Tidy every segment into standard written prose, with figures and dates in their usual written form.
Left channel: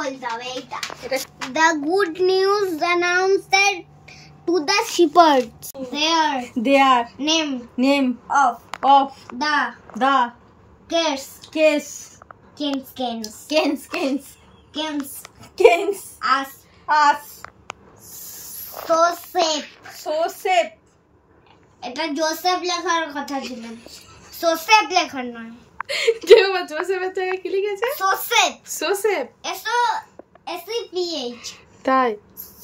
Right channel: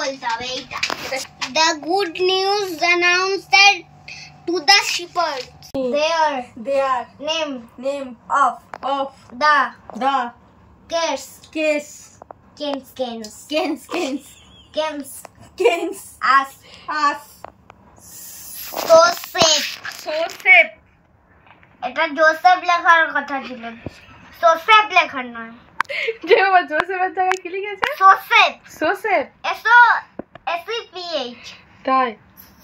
বলতে হবে এইটা। The good news announced to the shepherds their name of the kings as Joseph এটা Joseph লেখার কথা ছিল, সোসেফ লেখার নয়। যে বাবা জোসেফের জায়গায় কি লিখেছে? সোসেফ SEPH তাই।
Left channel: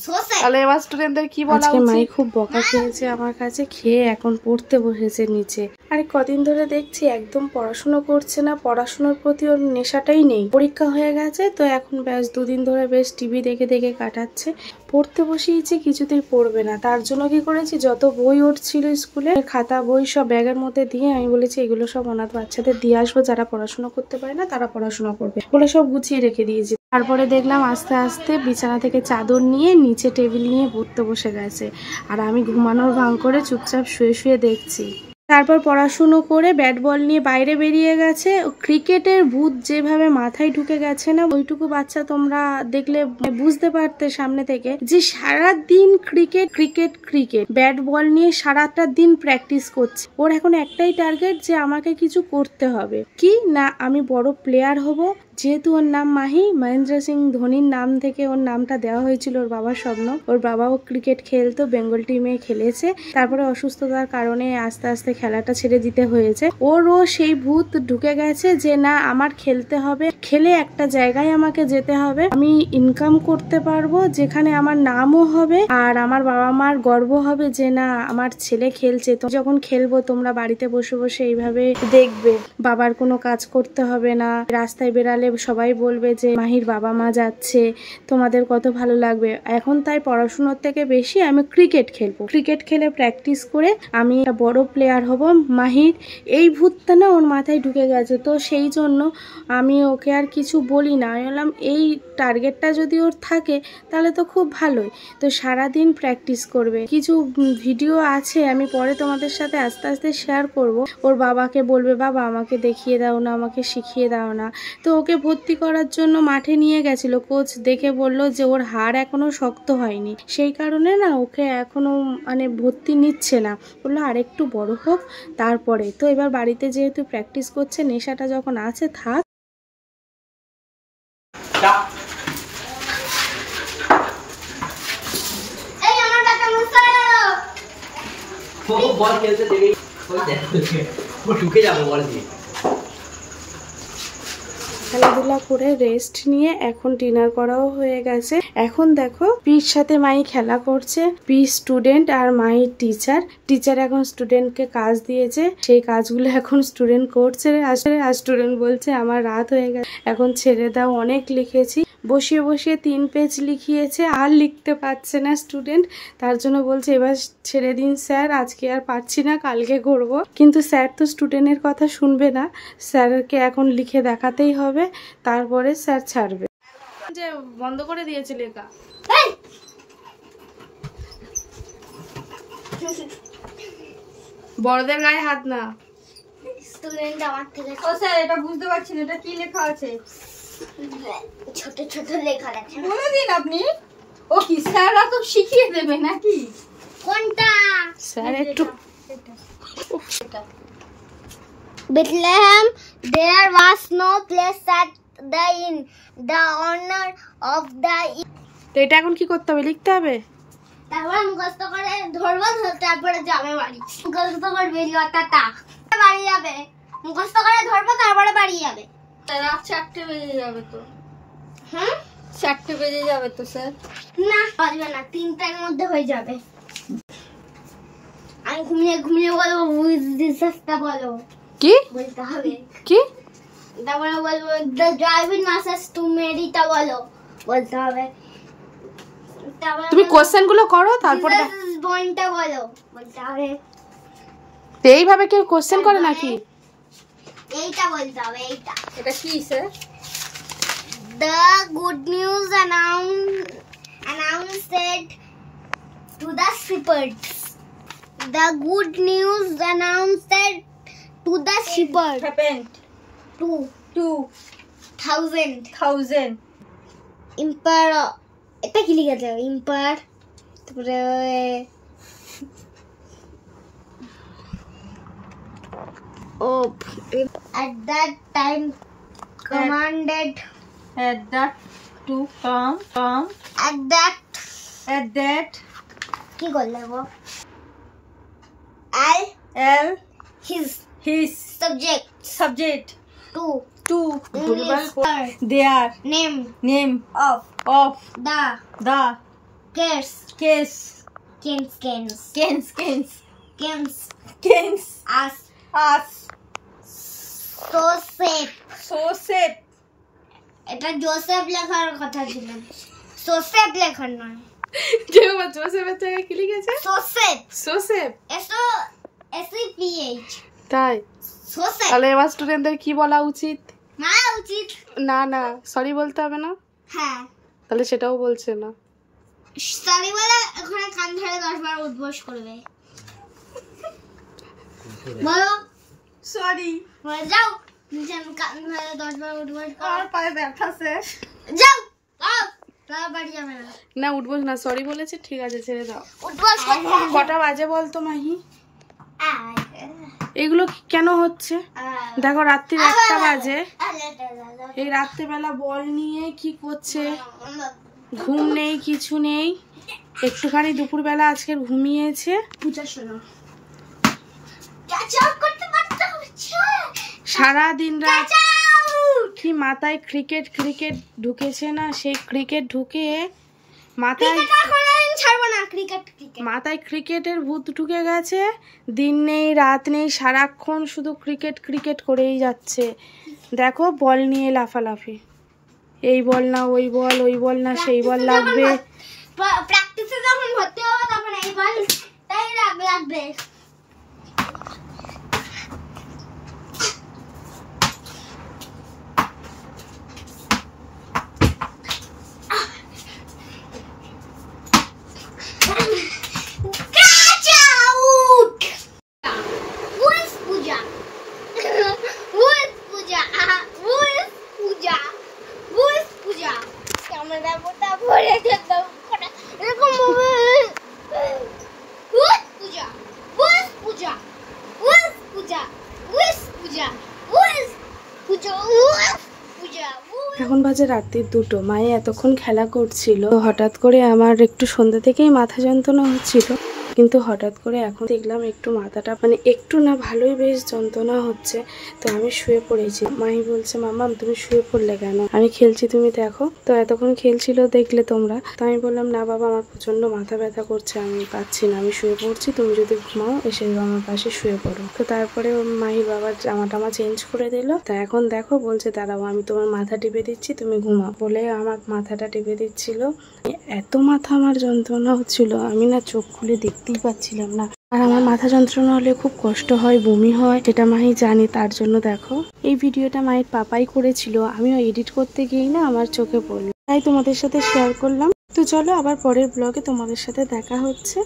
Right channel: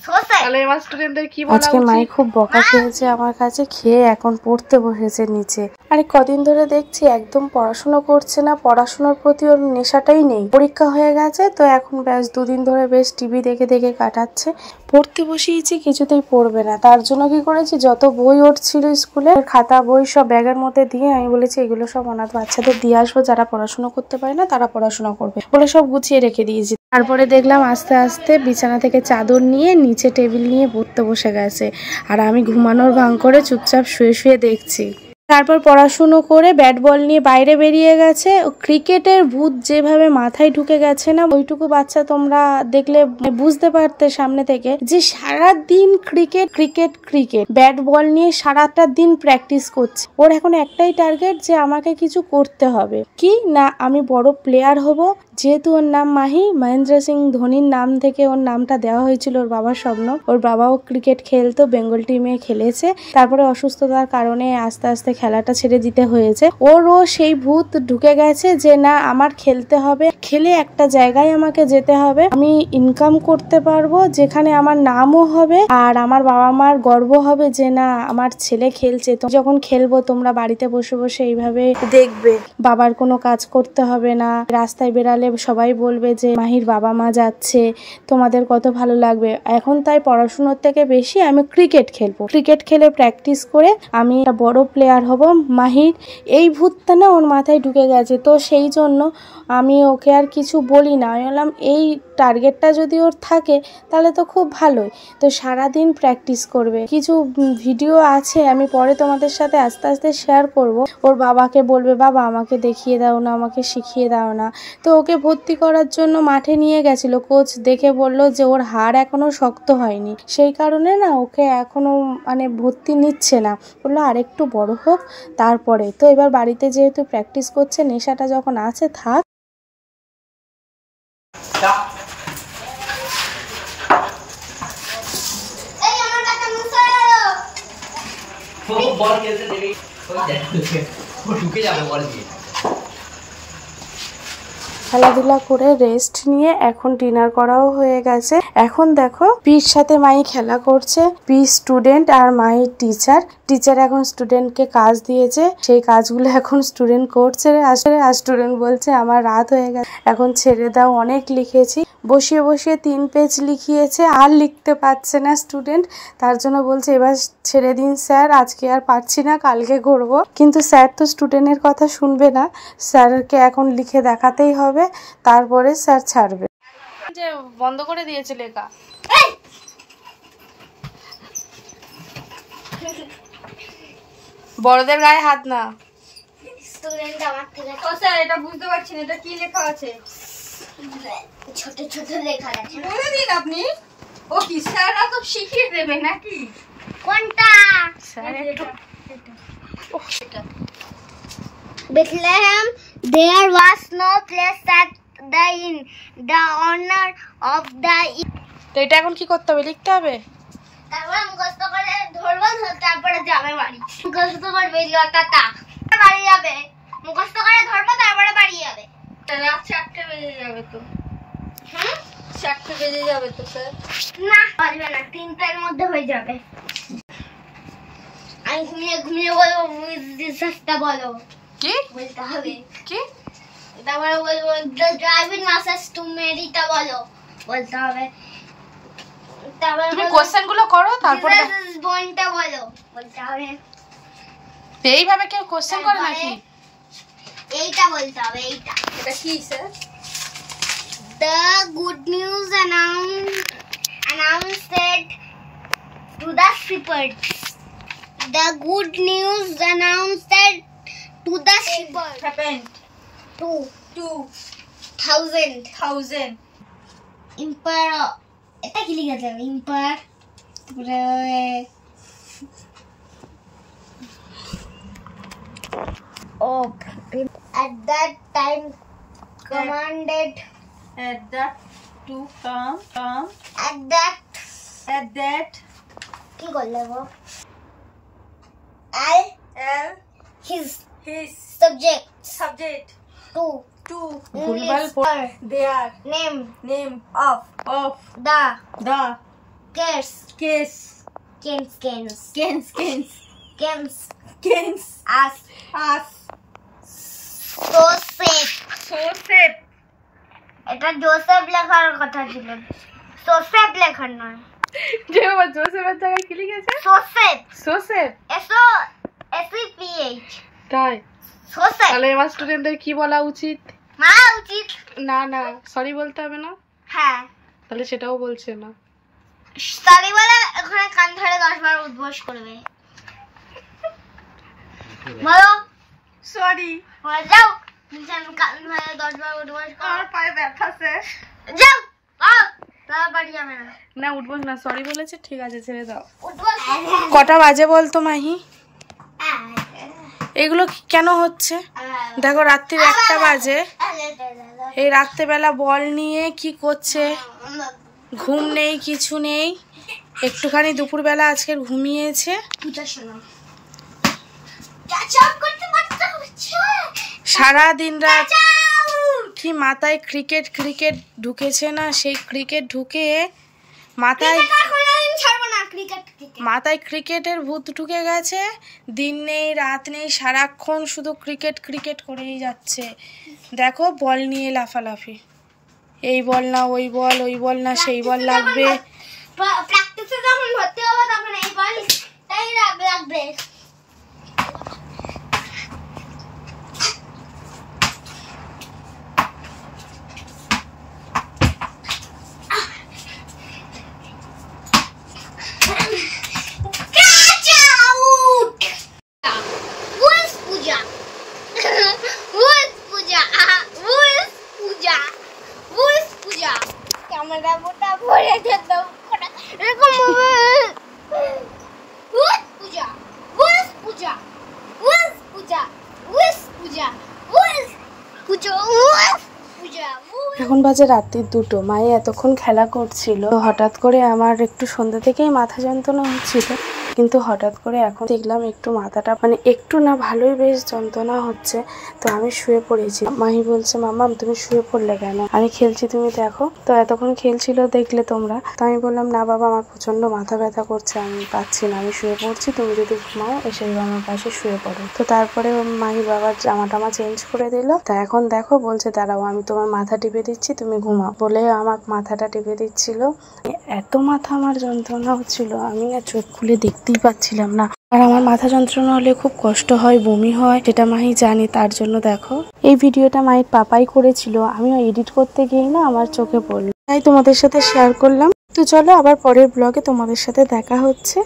সোসেফ। তাহলে এবার স্টুডেন্টদের কি বলা উচিত? আজকে মাই খুব বকা খেয়েছে আমার কাছে, খেয়ে এখন পড়তে বসেছে নিচে। আরে কদিন ধরে দেখছি একদম পড়াশোনা করছে না, পড়াশোনার প্রতি ওর নেশাটাই নেই। পরীক্ষা হয়ে গেছে তো এখন বেশ দুদিন ধরে বেশ টিভি দেখে দেখে কাটাচ্ছে। পড়তে বসিয়েছি কিছুতেই পড়বে না, তার জন্য কি করেছি যত বই ওর ছিল স্কুলে খাতা বই সব ব্যাগের মধ্যে দিয়ে আমি বলেছি এগুলো সব অনাথ বাচ্চাদের দিয়ে আসবো, যারা পড়াশোনা করতে পারে না তারা পড়াশোনা করবে বলে সব গুছিয়ে রেখে দিয়েছি। তারপরে দেখলাম আস্তে আস্তে বিছানা থেকে চাদর নিয়ে নিচে টেবিল নিয়ে পড়তে বসে গেছে, আর আমি ঘুমানোর ভান করে চুপচাপ শুয়ে শুয়ে দেখছি। তারপর পড়াশুনো করে ব্যাট বল নিয়ে বাইরে বেরিয়ে গেছে। ক্রিকেটের ভূত যেভাবে মাথায় ঢুকে গেছে না, ওইটুকু বাচ্চা তোমরা দেখলে বুঝতে পারতে সামনে থেকে যে সারাদিন ক্রিকেট ব্যাট বল নিয়ে সারাটা দিন প্র্যাকটিস করছে। ওর এখন একটাই টার্গেট যে আমাকে কিছু করতে হবে, কি না আমি বড় প্লেয়ার হব। যেহেতু ওর নাম মাহি, মহেন্দ্র সিং ধোনির নাম থেকে ওর নামটা দেওয়া হয়েছিল, ওর বাবার স্বপ্ন। ওর বাবাও ক্রিকেট খেলতো, বেঙ্গল টিমে খেলেছে, তারপরে অসুস্থতার কারণে আস্তে আস্তে খেলাটা ছেড়ে দিতে হয়েছে। ওরও সেই ভূত ঢুকে গেছে যে না আমার খেলতে হবে, খেলে একটা জায়গায় আমাকে যেতে হবে, আমি ইনকাম করতে পারবো যেখানে আমার নামও হবে আর আমার বাবা মার গর্ব হবে যে না আমার ছেলে খেলছে। তো যখন খেলবো তোমরা বাড়িতে বসে বসে এইভাবে দেখবে, বাবার কোনো কাজ করতে হবে না, রাস্তায় বেরালে সবাই বলবে যে মাহির বাবা মা যাচ্ছে, তোমাদের কত ভালো লাগবে। এখন তাই পড়াশোনার থেকে বেশি আমি ক্রিকেট খেলবো, ক্রিকেট খেলে প্র্যাকটিস করে আমি একটা বড় প্লেয়ার হব। মাহির এই ভূতটা না ওর মাথায় ঢুকে গেছে, তো সেই জন্য আমি ওকে আর কিছু বলি না। আমি বললাম এই টার্গেটটা যদি ওর থাকে তাহলে তো খুব ভালোই, তো সারাদিন প্র্যাকটিস করবে। কিছু ভিডিও আছে আমি পরে তোমাদের সাথে আস্তে আস্তে শেয়ার করব। ওর বাবাকে বলবে বাবা আমাকে দেখিয়ে দাও না, আমাকে শিখিয়ে দাও না। তো ওকে ভর্তি করার জন্য মাঠে নিয়ে গেছিল, কোচ দেখে বলল যে ওর হাড় এখনো শক্ত হয়নি, সেই কারণে না ওকে এখনো মানে ভর্তি নিচ্ছে না, বললো আরেকটু বড় হোক তারপরে। তো এবার বাড়িতে যেহেতু প্র্যাকটিস করছে, নেশাটা যখন আছে থাক। খেলাধুলা করে রেস্ট নিয়ে এখন ডিনার করাও হয়ে গেছে। এখন দেখো পির সাথে মাই খেলা করছে, পি স্টুডেন্ট আর মাই টিচার এখন স্টুডেন্টকে কাজ দিয়েছে, সেই কাজগুলো এখন স্টুডেন্ট করছে। আসলে আর স্টুডেন্ট বলছে আমার রাত হয়ে গেছে এখন ছেড়ে দাও, অনেক লিখেছি। বসিয়ে বসিয়ে 3 পেজ লিখিয়েছে, আর লিখতে পারছে না স্টুডেন্ট, তার জন্য বলছে এবার ছেড়ে দিন স্যার, আজকে আর পারছি না কালকে করব। কিন্তু স্যার তো স্টুডেন্টের কথা শুনবে না, স্যারকে এখন লিখে দেখাতেই হবে, তারপরে স্যার ছাড়বে। যে বন্ধ করে দিয়েছে লেখা। বড়দের গায়ে হাত না। স্টুডেন্ট আমার থেকে ও স্যার এটা বুঝতে পারছি না, এটা কি লেখা আছে? ছোট ছোট লেখা আছে, বলে দিন আপনি। ও কি স্যাররা তো শিখিয়ে দেবে নাকি? কোনটা স্যার একটু Bethlehem there was no place at the inn, the honor of the inn। তো এটা এখন কি করতে হবে, লিখতে হবে। তারপর মুখস্থ করে ধরবো, তারপরে যাবে বাড়ি। মুখস্থ করবে টাটা, বাড়ি যাবে। মুখস্থ করে ধরবো তারপরে বাড়ি যাবে। রাত 4টে বেজে যাবে তো। 4টে বেজে যাবে তো স্যার। না বাজবে না, 3টার মধ্যে হয়ে যাবে। আমি ঘুমিয়ে ঘুমিয়ে বলবো বুঝতে বলো কি বলতে হবে, কি তারপরে বলবো দ্য ড্রাইভিং মেসেজ টু মেরিটা বলো বলতে হবে। তারপরে তুমি কোশ্চেন গুলো করো, তারপরে বনটা বলো বলতে হবে। এইভাবে কেউ কোশ্চেন করে নাকি? এইটা বলতে হবে। এইটা এটা কি sir? The good news announced to the shepherds. The good news announced to the shepherds. Happened. 2000. ইম্পার এটা কি লিখেছে ইম্পার তারপরে op at that time commanded At that to come at that কি করলে গো L his his subject to ভুলভাল their name of the case case Kens us so safe এটা Joseph লেখার কথা ছিল সোসেফ লেখার নয় যে বাবা জোসেফের জায়গায় কি লিখেছে সোসেফ SEPH তাই সোসেফ তাহলে এবার স্টুডেন্টদের কি বলা উচিত উচিত না সরি বলতে হবে না হ্যাঁ তাহলে সেটাও বলছে না সরি বলে ওখানে কান ধরে 10 বার উদ্বোস করবে বলো sorry যাও কান ধরে 10 বার উদ্বোস কর আমার পায়ে ব্যথা আছে যাও বাড়ি যাবে না উঠবো না সরি বলেছে ঠিক আছে ছেড়ে দাও উদ্বোস কটা বাজে বলতো মাহি এগুলো কেন হচ্ছে দেখো রাত্রির 1টা বাজে এই রাত্রেবেলা বল নিয়ে কি করছে ঘুম নেই কিছু নেই একটুখানি দুপুরবেলা আজকে ঘুমিয়েছে পূজা শোনো ক্যাচ করতে মাত্রা হচ্ছে সারা দিন রাত কি মাথায় ক্রিকেট ঢুকেছে না সেই ক্রিকেট ঢুকে মাথায় ক্রিকেটের ভূত ঢুকে গেছে দিন নেই রাত নেই সারাক্ষণ শুধু ক্রিকেট করেই যাচ্ছে দেখো বল নিয়ে লাফালাফি এই বল না ওই বল না সেই বল লাগবে প্র্যাকটিসে যখন ভর্তি হবে তখন এই বল তাই লাগবে এখন বাজে রাত্রির 2টো মায়ে এতক্ষণ খেলা করছিল হঠাৎ করে আমার একটু সন্ধ্যা থেকেই মাথা যন্ত্রণা হচ্ছিল কিন্তু হঠাৎ করে এখন দেখলাম একটু মাথাটা মানে একটু না ভালোই বেশ যন্ত্রণা হচ্ছে তো আমি শুয়ে পড়েছি মাহি বলছে মাম্মাম তুমি শুয়ে পড়লে কেন আমি খেলছি তুমি দেখো তো এতক্ষণ খেলছিল দেখলে তোমরা তো আমি বললাম না বাবা আমার প্রচন্ড মাথা ব্যথা করছে আমি পাচ্ছি না আমি শুয়ে পড়ছি তুমি যদি ঘুমাও এসে আমার পাশে শুয়ে পড়ো তো তারপরে মাহি বাবার জামা চেঞ্জ করে দিল তা এখন দেখো বলছে দাঁড়াও আমি তোমার মাথা টিপে দিচ্ছি তুমি ঘুমাও বলে আমার মাথাটা টিপে দিচ্ছিল এত মাথা আমার যন্ত্রণা হচ্ছিল আমি না চোখ খুলে দেখতেই পাচ্ছিলাম না আর আমার মাথা যন্ত্রণা হলে খুব কষ্ট হয় বমি হয় সেটা মাহি জানি তার জন্য দেখো এই ভিডিওটা মায়ের পাপাই করেছিল আমিও এডিট করতে গিয়েই না আমার চোখে পড়লো তাই তোমাদের সাথে শেয়ার করলাম তো চলো আবার পরের ব্লগে তোমাদের সাথে দেখা হচ্ছে।